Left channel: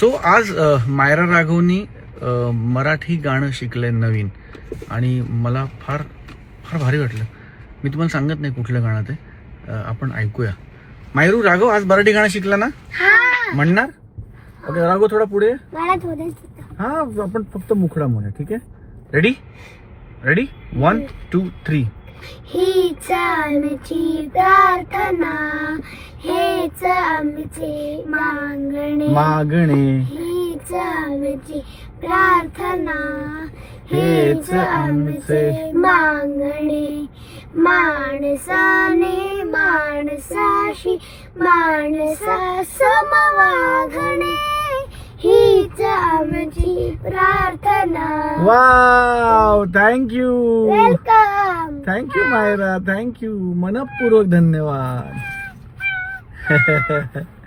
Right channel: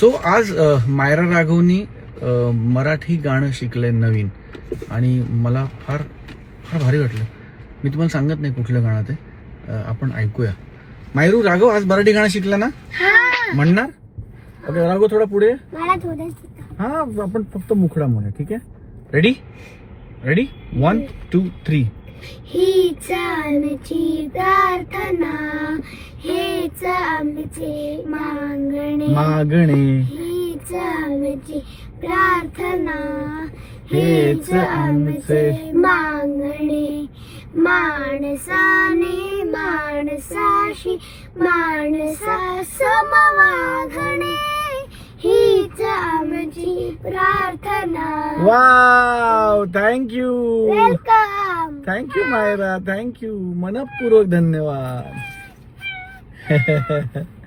So आज मायरा राघवनी मराठी गाणं शिकलंय नवीन. आणि मला फार फार भारी वाटलं. मी तुम्हाला सांगत नाही कुठलं गाणं ते. आपण ऐकूया. मायरू राघव आज मराठी गाणं शिकलं ना? हा. म्हणणार? ओके राघव थोडा पुढे. हा आपण फक्त मुखडा म्हणूया ठीक आहे? Ready ready one two three हीच आमची प्रार्थना हेच आमचे मागणे मागणे. हीच आमची प्रार्थना हेच आमचे मागणे. माणसाने माणसाशी माणसा समवागणे. हीच आमची प्रार्थना. Wow thank you welcome thank you Myra. Thank you मनपूर्वक धन्यवाद.